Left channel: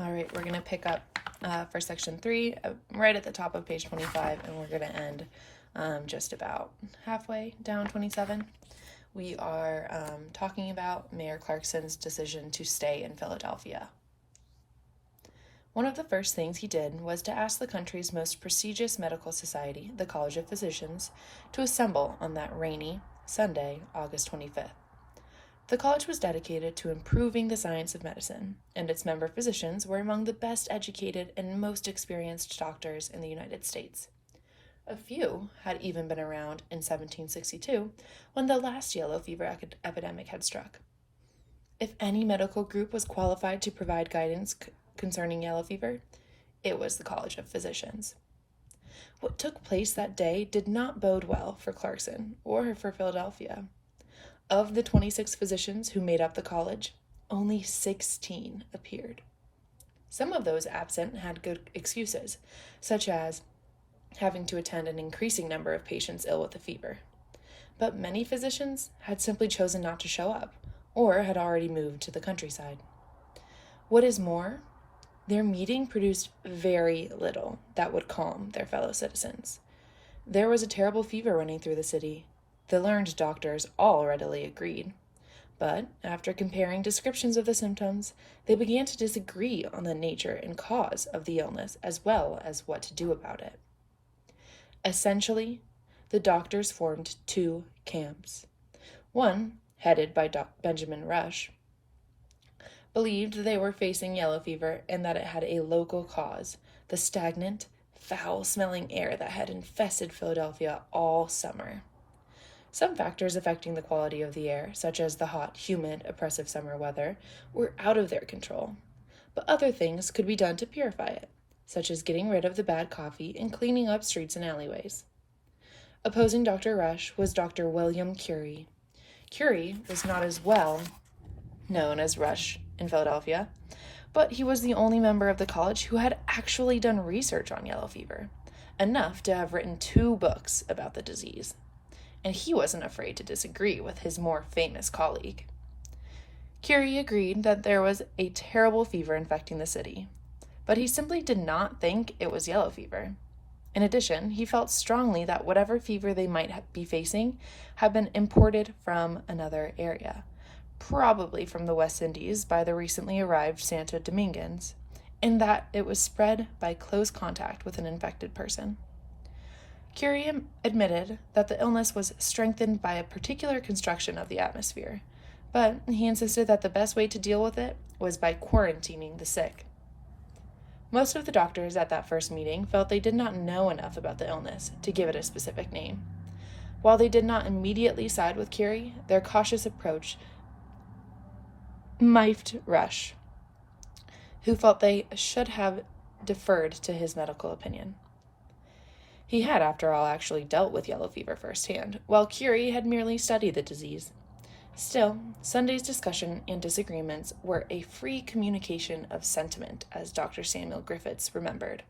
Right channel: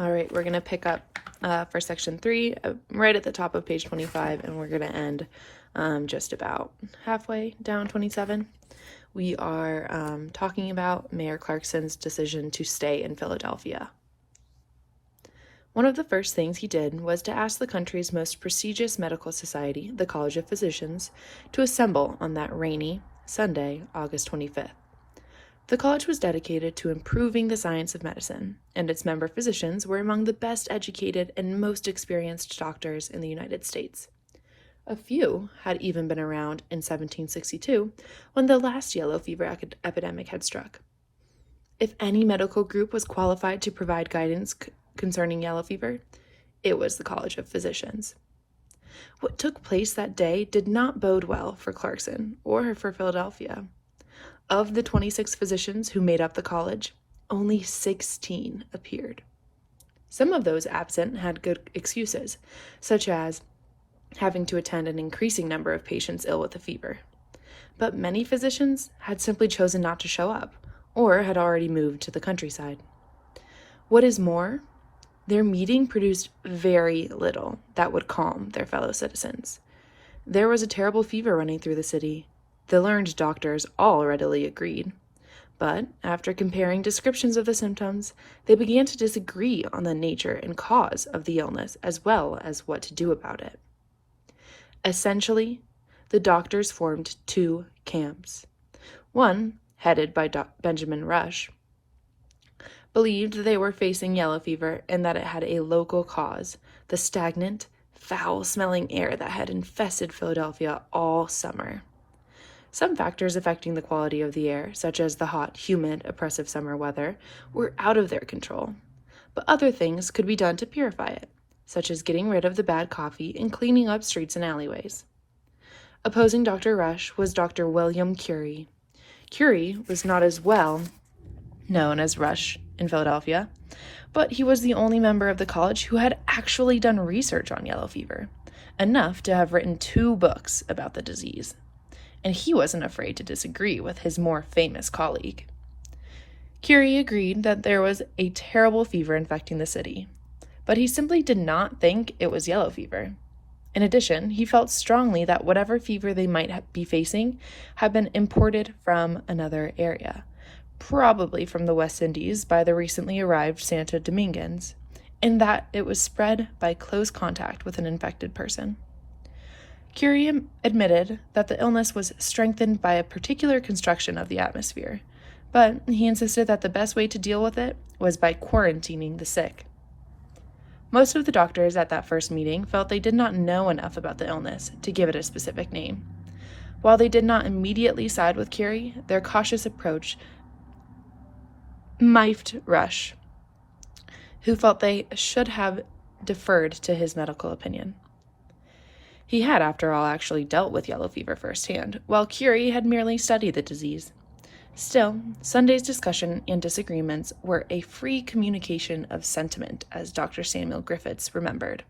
All right, we're going to pick up for section 3 right at the top of page 25, and we're going to end just about halfway down 27. We are talking about Mayor Clarkson's decision to stay in Philadelphia. One of the first things he did was to ask the country's most prestigious medical society, the College of Physicians, to assemble on that rainy Sunday, August 25th. The college was dedicated to improving the science of medicine, and its member physicians were among the best educated and most experienced doctors in the United States. A few had even been around in 1762 when the last yellow fever epidemic had struck. If any medical group was qualified to provide guidance concerning yellow fever, it was the College of Physicians. What took place that day did not bode well for Clarkson or for Philadelphia. Of the 26 physicians who made up the college, only 16 appeared. Some of those absent had good excuses, such as having to attend an increasing number of patients ill with a fever. But many physicians had simply chosen not to show up, or had already moved to the countryside. What is more, their meeting produced very little that would calm their fellow citizens. There was a terrible fever running through the city. The learned doctors all readily agreed. But after comparing descriptions of the symptoms, they began to disagree on the nature and cause of the illness as well as what to do about it. Essentially, the doctors formed two camps. One, headed by Benjamin Rush, believed they were facing yellow fever and that it had a local cause, the stagnant, foul-smelling air that had infested Philadelphia all summer. Some factors affecting the quality of the air, such as the hot, humid, oppressive summer weather, were out of their control, but other things could be done to purify it, such as getting rid of the bad coffee and cleaning up streets and alleyways. Opposing Dr. Rush was Dr. William Curie. Curie was not as well known as Rush in Philadelphia, but he was the only member of the college who had actually done research on yellow fever, enough to have written 2 books about the disease. And he wasn't afraid to disagree with his more famous colleague. Curie agreed that there was a terrible fever infecting the city, but he simply did not think it was yellow fever. In addition, he felt strongly that whatever fever they might be facing had been imported from another area, probably from the West Indies by the recently arrived Santo Domingans, and that it was spread by close contact with an infected person. Curie admitted that the illness was strengthened by a particular construction of the atmosphere, but he insisted that the best way to deal with it was by quarantining the sick. Most of the doctors at that first meeting felt they did not know enough about the illness to give it a specific name. While they did not immediately side with Curie, their cautious approach miffed Rush, who felt they should have deferred to his medical opinion. He had, after all, actually dealt with yellow fever firsthand, while Curie had merely studied the disease. Still, Sunday's discussion and disagreements were a free communication of sentiment, as Dr. Samuel Griffiths remembered.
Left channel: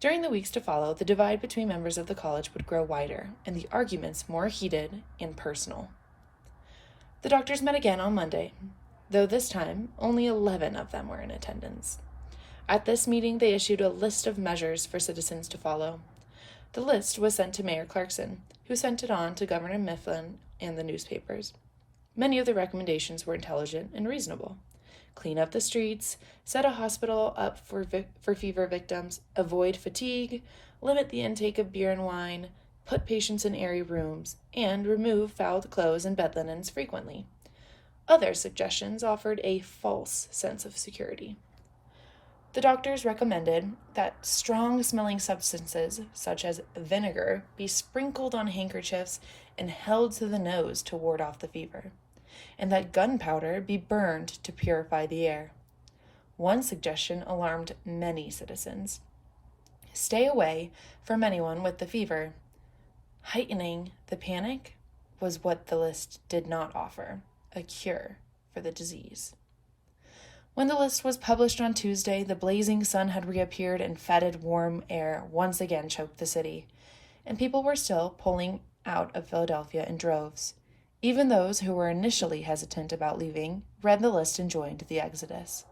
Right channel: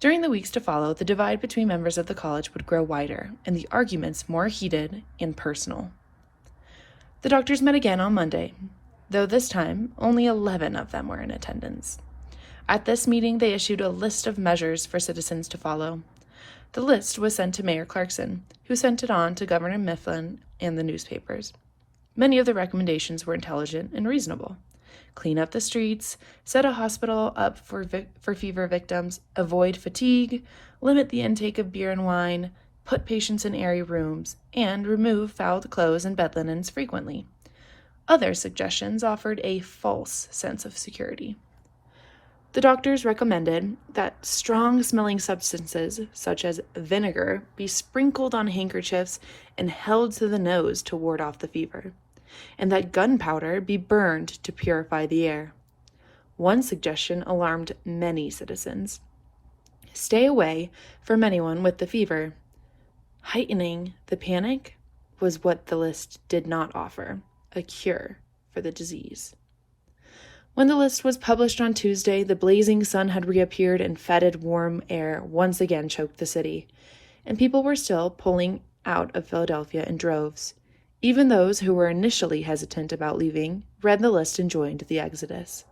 During the weeks to follow, the divide between members of the college would grow wider, and the arguments more heated and personal. The doctors met again on Monday, though this time only 11 of them were in attendance. At this meeting, they issued a list of measures for citizens to follow. The list was sent to Mayor Clarkson, who sent it on to Governor Mifflin and the newspapers. Many of the recommendations were intelligent and reasonable. Clean up the streets, set a hospital up for fever victims, avoid fatigue, limit the intake of beer and wine, put patients in airy rooms, and remove fouled clothes and bed linens frequently. Other suggestions offered a false sense of security. The doctors recommended that strong-smelling substances, such as vinegar, be sprinkled on handkerchiefs and held to the nose to ward off the fever, and that gunpowder be burned to purify the air. One suggestion alarmed many citizens. Stay away from anyone with the fever. Heightening the panic was what the list did not offer, a cure for the disease. When the list was published on Tuesday, the blazing sun had reappeared and fetid, warm air once again choked the city, and people were still pulling out of Philadelphia in droves. Even those who were initially hesitant about leaving read the list and joined the exodus.